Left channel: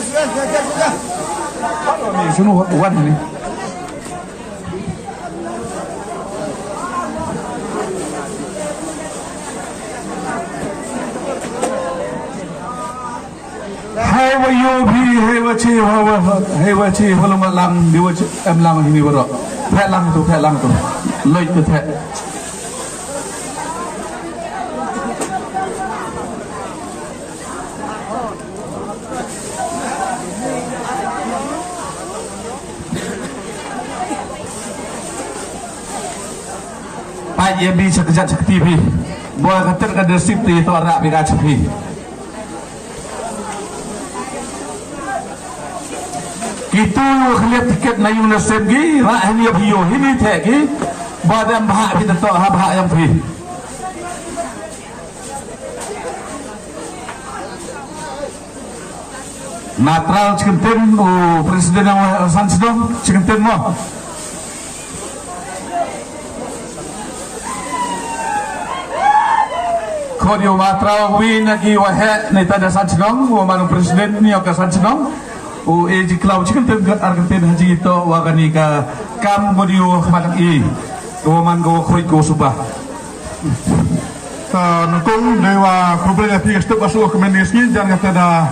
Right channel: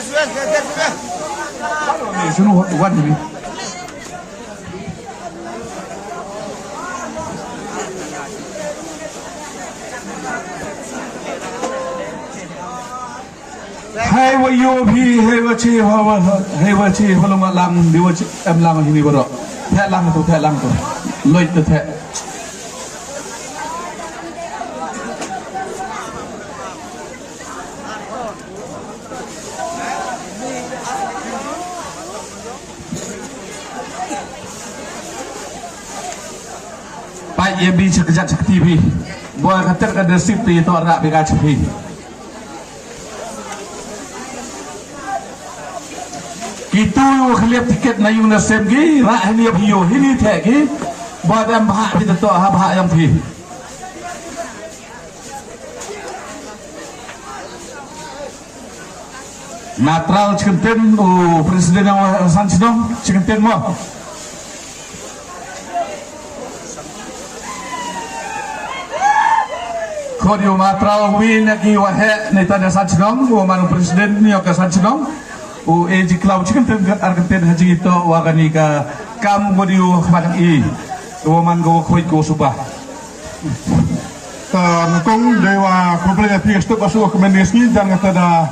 Ni semua kuat ni. Hai wayo bhi hai wachi halam lam diwachi am lam ni boro. Thai lam tu loi tu thai. Ia bi sekejap seperti ini. Buat kata ada sip di itu ada beda seperti. Kita lihat tiket nayung nasib gi, rak ini abiyo ini tiap gi. Buat yang bahak kita tu bahak yang fi. Natral cikenten Presiden yang asan sedang cikenten no. Kodio Matra win lagi wahet ni tanda sanjang, waman presiden ni akan sanjang. Eji klau cikan tenggat Argentina haji itu wagani ka kam kodio kemarin i, waman go koi go subah. Nutong dewa problem yang tiga step masuk rekomendasi jangan ada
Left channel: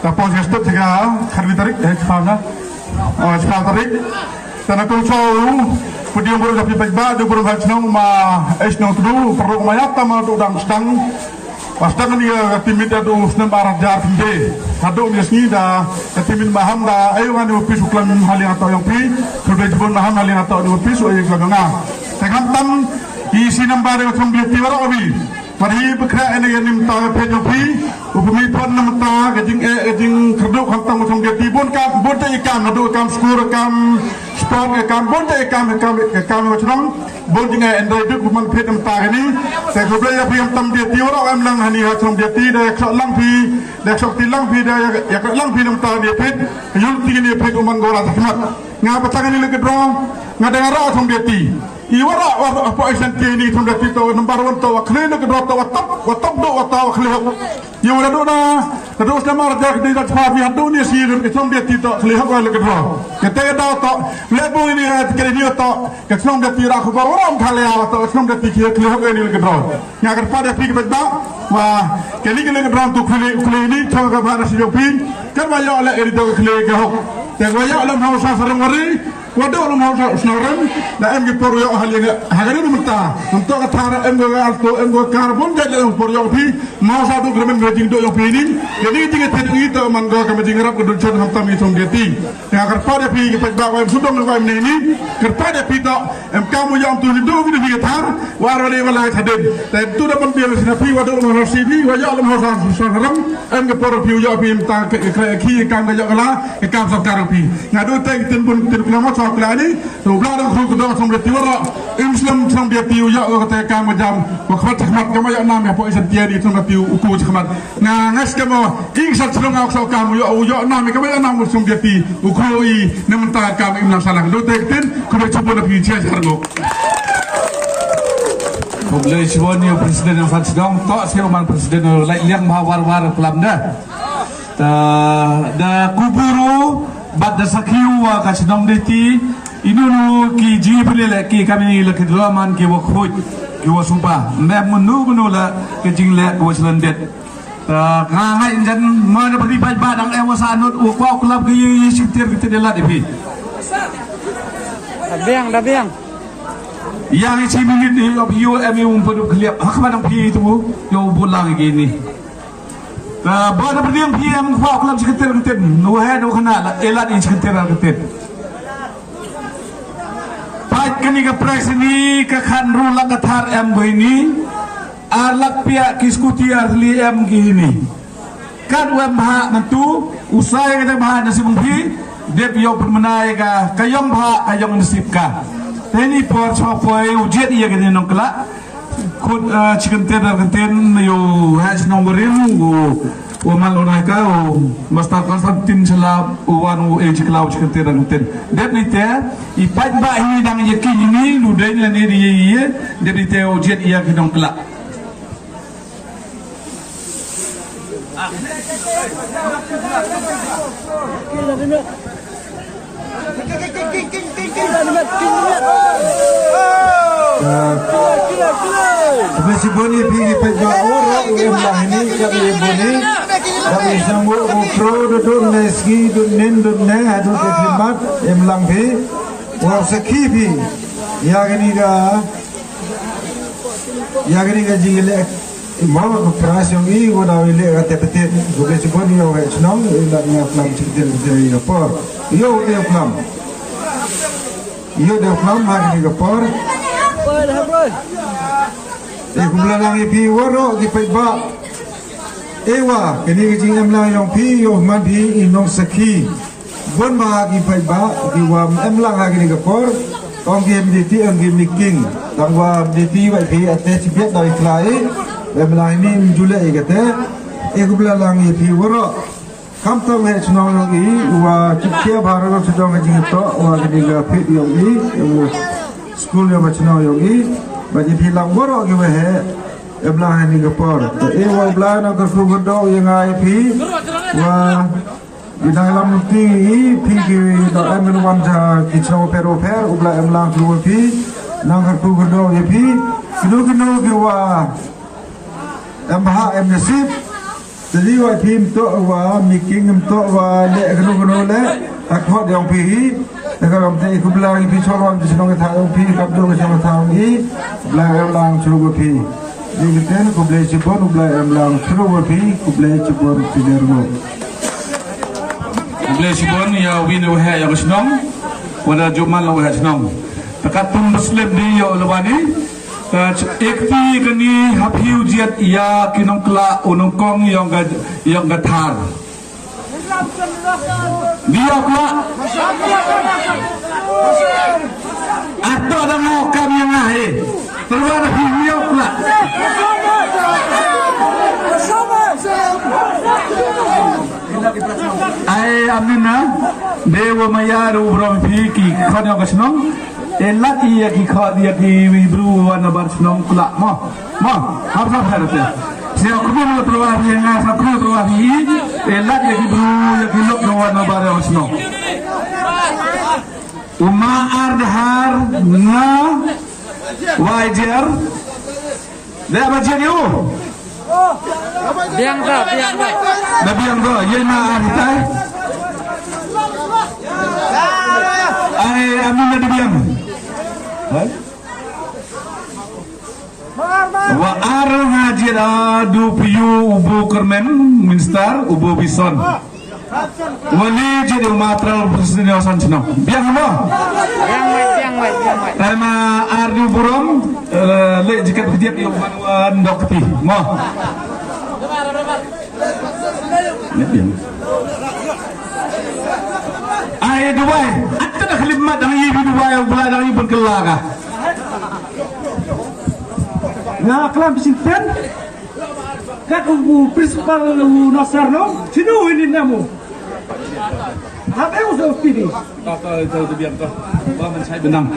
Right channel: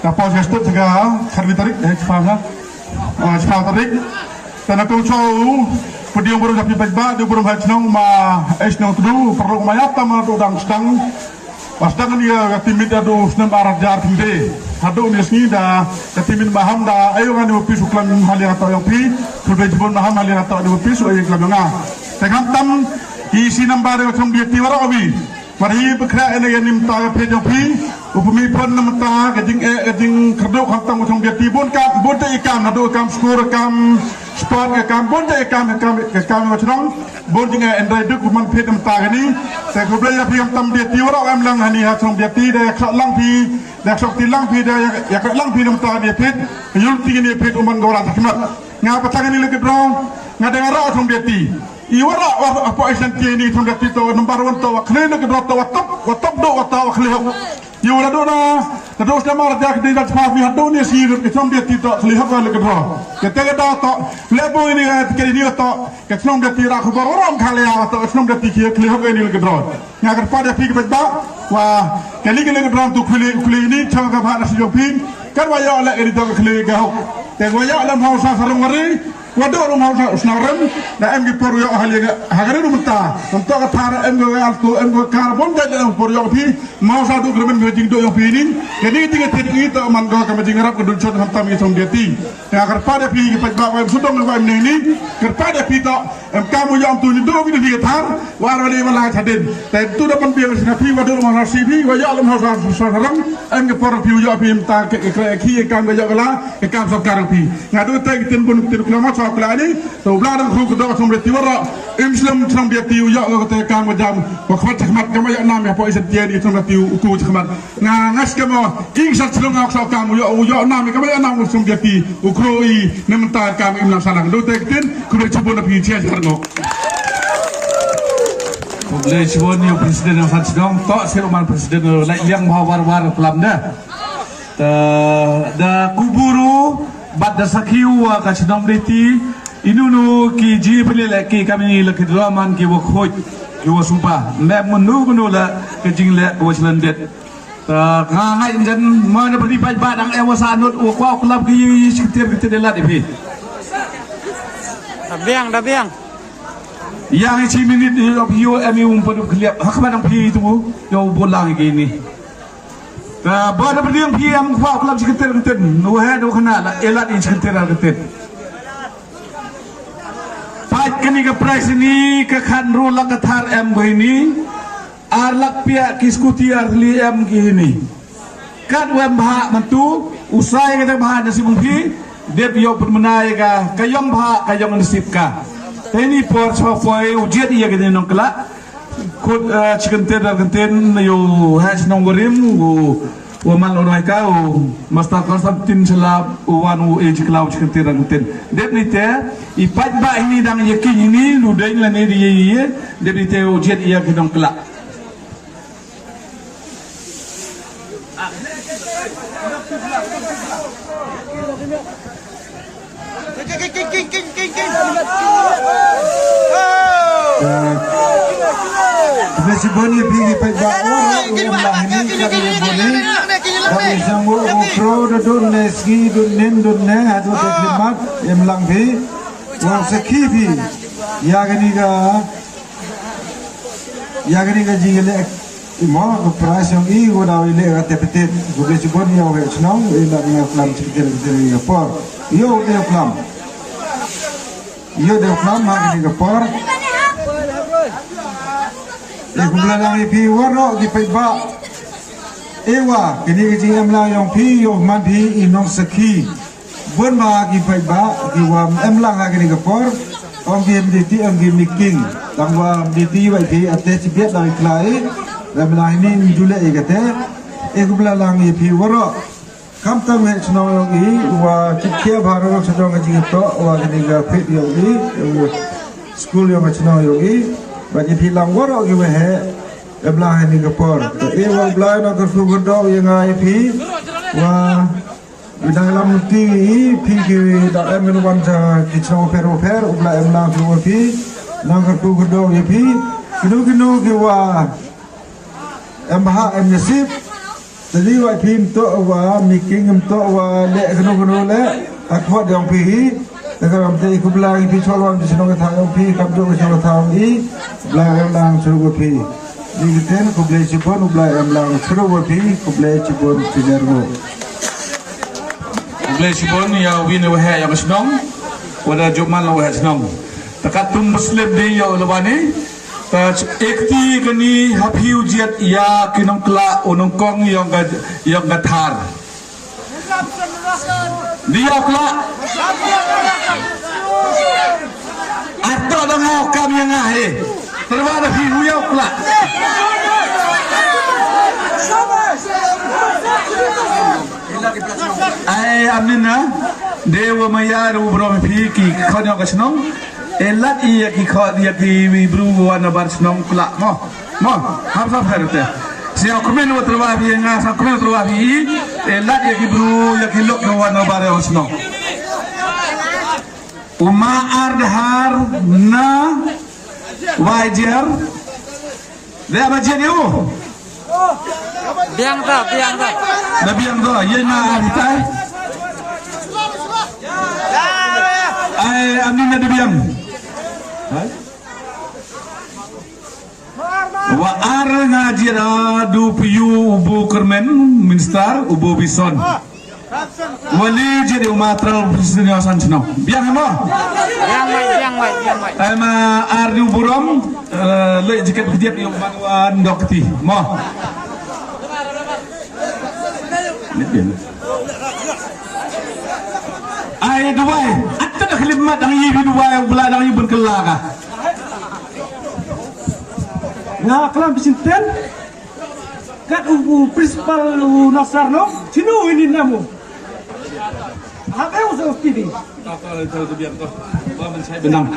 dapat step juga kerja tarik fauna, sekarang tarik. Dan nutong cakap kemudian baru dapat berda, dia baru bersenang ma esnau tu perlu mayat tamu tu dalam sedang dia timid ada muslim arah jar pembe. Ada unisni dah timid maham dah. Ayo kan diupis uklam halian atau lepi. Sudah jemput maham halian atau diupis ayo kelabanga. Dengan tam isi nampak ada macam dia tiada lagi. Kali bergerak ini yang nimta pejopi. Upami pun nimta kejing kedok hantam macam dia tibun kam bote ikan ada kam skor kam sport kam bote ikan macam bon jinga endai duk man phet nimta ini. Saya kau ya piam tam dia tiada am lang hani macam dia tidak lang pi dak sakti lang pi dia ya lang pi nimta dia phet yul tinggi phet uman gora takmat. Ngapa tangan ini lagi berang? Ngadengar macam dia ti. Iwara apa esensi ini sudah itu nomor 1 tu akhirnya ke top do atau akhirnya yang ada na terus nama raja kita cepat ni hadu ni sih kesom dia tidak akhirnya kalau ke bawah kita ada tak lebu ini kali dia tak kesom dia tidak aku orang kali atau kesom dia tidak akhirnya ini ke bawah yang akan pada pergi beda wah kali ke bawah tu kali ini cara apa nasi jopin kan banyak oleh ini tu akhirnya kau dan banyak dalam hausa sarang hari waduh orang hausa senaran dan em kita perlu hari ini minta untuk ketara em go alto em go karbon dalam perlu pi mau satu kemen meeting do pi ini jadi tiga itu mangga kami jingarap kedua cara hantam itu dia yang akan pada pi kita bawa sudah melakukan ini kepada pita em kamu yang tu itu kita pi ketar warga malah hadir dan itu dapat biar pi waduh orang hausa pi banyak orang hausa senaran em ke perlu pi ujo pi minta ki kamu banyak lah kamu sekarang pi ngadu tak tenpun tenkelama pelani, so belakang kau kedua sambil tiada Islam sambil tiu ya kata kamu jam, waktu khidmat kamu ya nama apa isan tiada sambil tiu uku khidmat, ngas kamu ingat selama waktu kamu ya nama kamu ya nama sambil tiu uku i nementar kamu imam salang, do tak ten kau cuba nak pergi cari harga. Boleh cuba ni presiden yang sedang tak seruman presiden liang war pelam dah, dah kuburu. Bada sakiu ka sedang deti inunu ki ji pelele ki kami le kedraman ki wakhoy ki wasumpa me munu la ke jingle bo selendet ta ngai jan mana beri bajba dang wasanut ko klub ki sitir kita dela depi dabiang yang isi minit yo emi umpu kliap hakman pi itu yo bolang gini baru berdiri yang kuat dalam sekitar kita, nuhai dua kena elat in sekitar kita. Baik kini ke price ini ke khandro lak kathar em begini, arlak pihak kiskuti arli em gini. Kan wam bah mentu, usai kita bah nasib mungkin, dia biar bermenai ka kayong bah kayong nasib ka. Ini per software ujian ia kita nongkelak. Chicken yo hash nomberin uman orang kau master tin selap uanu cloud chicken ten det ni te ipat ba ini dang yakin ini ludain la ni dia det ni te ujian ia kidong kelak Masih boleh pergi pagi orang yang lahir kali boleh. Kali semua pro duduk neski duduk ne duduk terlibat yang langfi. Wah sekipi ya gini ga jile mau operasi ini gua dah ile kata betul. Boleh sebut ni orang senang ilah ni film seperti ni por. Ia dia film. Ia dia film hak ni por. Kemudian lagi pi warok di peba. Ewa ini jingam lah yang pi yo man pi inong seki. Bon ma di peba di wam emlang lagi ni kepor. Ong game di ong game meeting. Dan wam di wa pi atas biat dari kelai. Dan belah ini julai kata. Kemudian lagi pi warok. Kampung yang senang lagi wa cikya baru sedang ngaji to wa ni ga fit yo ni school yang senang lagi. Bagi bilang warok juga belah ni kepor. Wah belah nak kerja yang IP. Wah di dalam ti dalam menuan sa kitchen per belah belah keluar pi nak kerja IP. Kenu kewa emha emnasib. Jadi IP tu wah making tu wah le kenu le akhwat yang pi. Kalau kita ikut belang pi soalan di sana tahu pi kabdo di sana tahu i belang suruh pi. Jadi kita kubla cipon belang suruh pi kubla cipon cidermo. Kubla cipon ya win wahai yang senang, wala jumal wahai senang. Takatum Muslim di ya ulawani. Ekti kini hafiu jiat ya kinong kla unong kong yang gathar. Dia kla. Atau ada mau kami yang ahli, terus ada video pula. Amnina dewa mayar ubrom fiki kau yang kesenong, elat iya kau dia kibru wana bar senong pula. Mo, apa berarti? Siapa pun terus yang ngasap pun terus elat iya kibru iya kilok wana bar senong. Umar dahar na wajar dia wajar yo biang dah ye na kita amin na biang wa ar ngajir adu piyu ubu kermen minister ubu bison wali jadi matra presiden asan senang biang apa? Biang. Ana ardi buram le jika kejap yang wan dokti mau. Ay Dubai, ada nak khidmat dari Dubai belah dari berkelaga. Nah, kelam simpan. Kat ubu principal Nasarno, sino ini namu. Apa yang usah studi? Kau biar kau, bawa saya benang.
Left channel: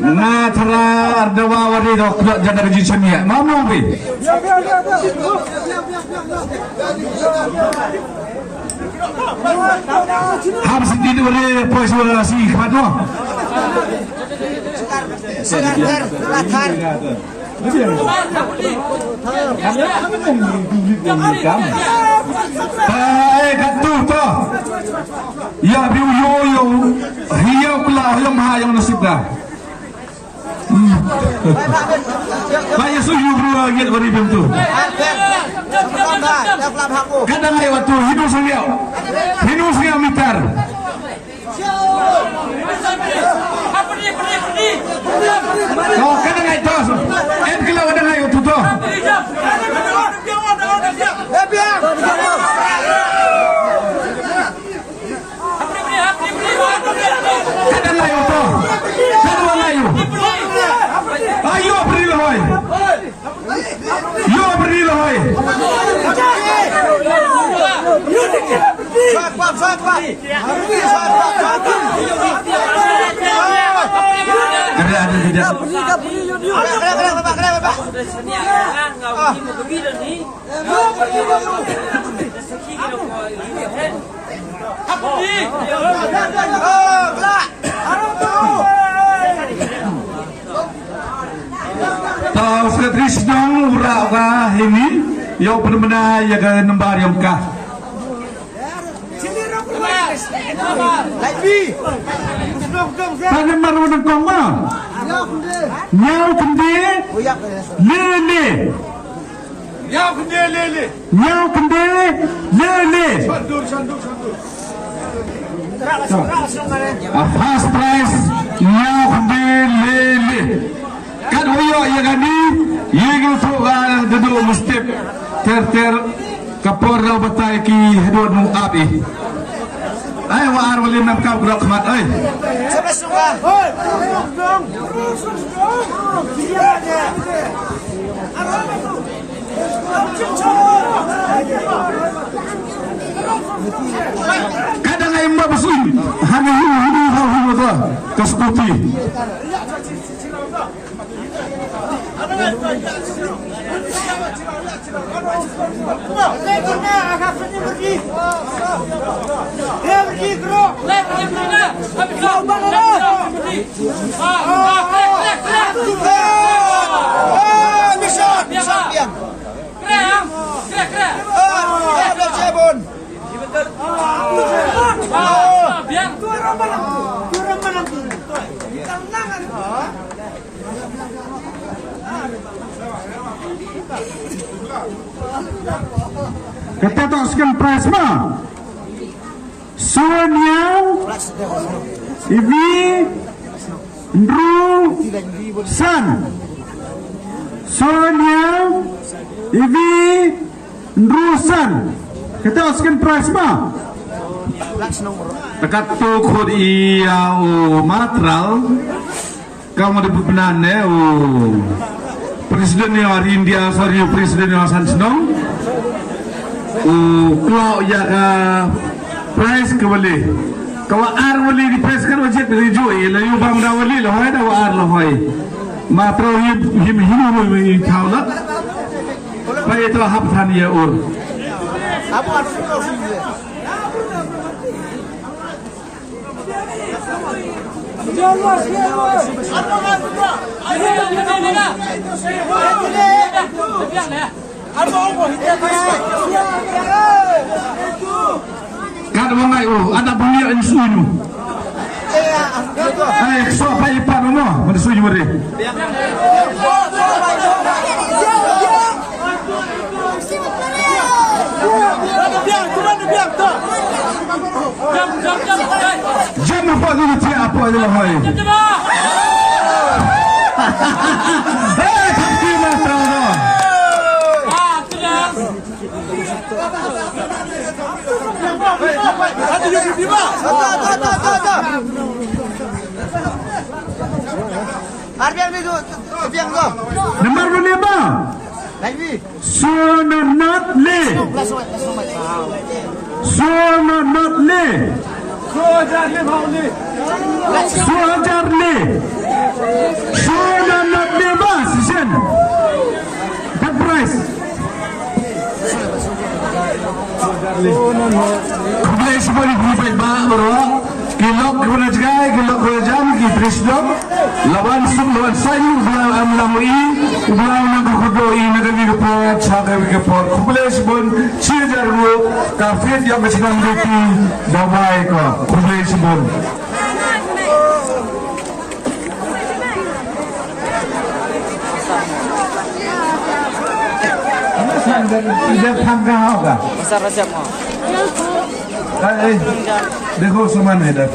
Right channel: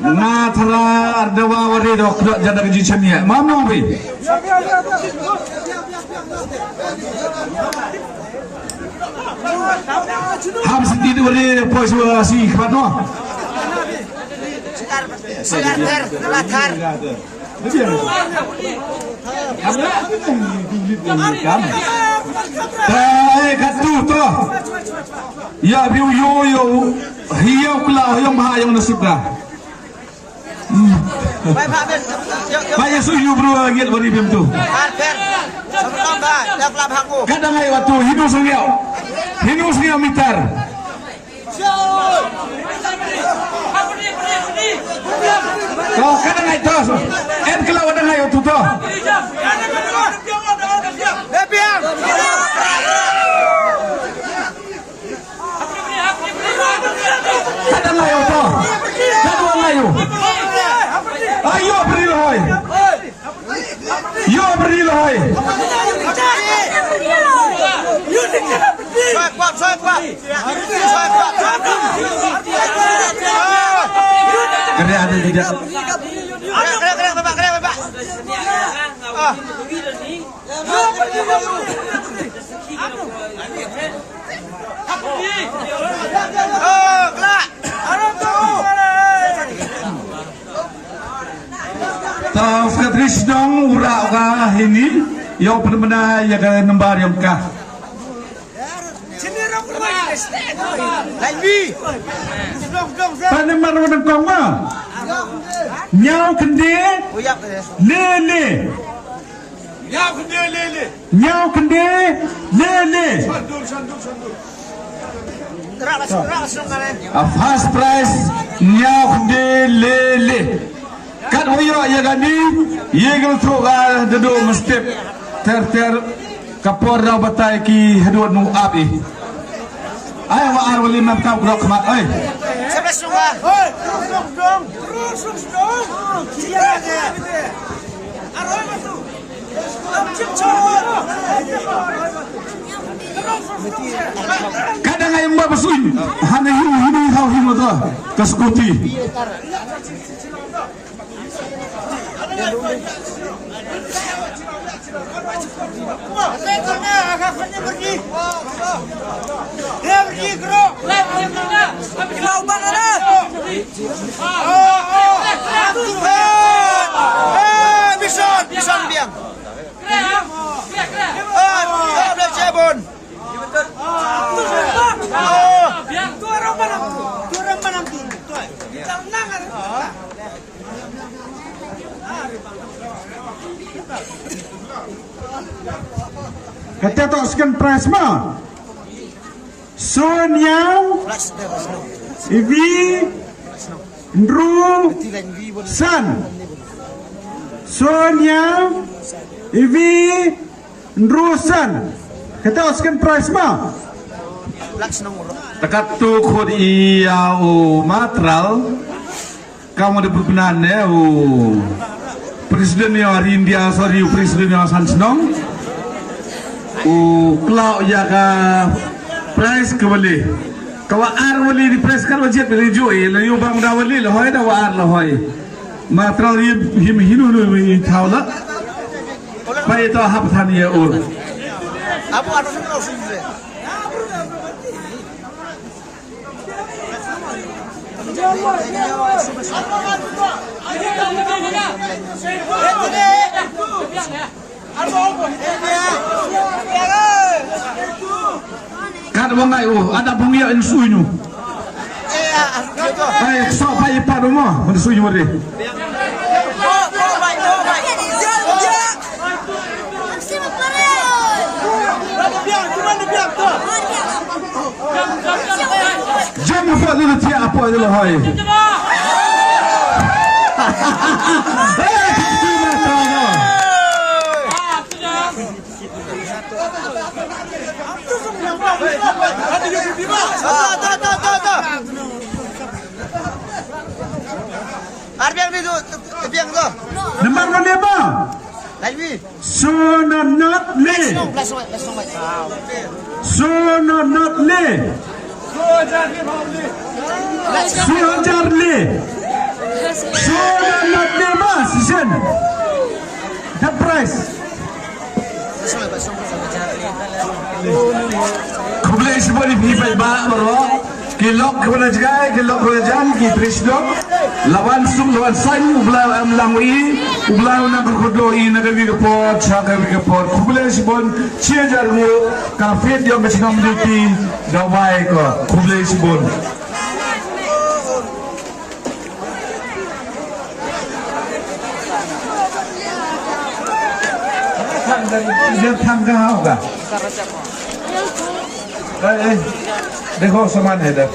Nah, thara ardawa wari dok jana kerja seni. Mama be. Ham sedih wari posisi kado. Katu tu, ya biu hiu kela yang maha yang nasib dah. Kaya suyu bro lagi beri bentuk. Kadang lewat waktu hidup sengiau mitar. Kalau kadang itu, kalau kadang itu tu. Ayo beri loy. Yo beri loy. Tidak. Tahu sekretris dong uraga ini yang benar-benar yang nembar yang kah. Panen mana nak kau mah? Nyau kende, lele. Nyau kende, lele. Nyau kende, lele. A fast price nyau kende, lele. Kan huyo yang ni, yang tu duduk mustip ter kapor dah batai ki hedon nung api. Ay waar wali nam kau gerak mat ay. Siapa suka? Kadang ay mabusin, hanya hulu tu kestuti. Kita tak sekian price mah. Sonia, Ivi, Ndru, San. Sonia, Ivi, Ndru, San. Kita sekian price mah. Dekat tu kod iya matral, kamu di perpenan Presiden yang India sorry Presiden yang Sansenong. Kalau ya ka price ke boleh. Kalau ar boleh di price kan wajib dijui. Lalu bang dah boleh lah, hay dah ar lah hay. Matral him boleh tahu lah. Pai itu hab than ya Apa arti kau sini? Kada bangai ada bangai insuinu. So pai pa domo, insuinu re. Jangan buat ini apa aja lah hai. Nombor berapa? Sonarnat le. Sonarnat le. Sonarnat le. Sonarnat le mas sen. The price. Kembali seperti ini baik berah. Kilok guna jgai, kilok guna jan, ki Trisno. Lawan sum, lawan sayu, ublau amlamui, ublau nagar kudoi, nagar vigapot, sagar vigapot. Kembali sebon, ciajar bu, kafir yang bersikap meliti, damai ko. Kembali sebon. Dia tangga apa? देखो सामान है इधर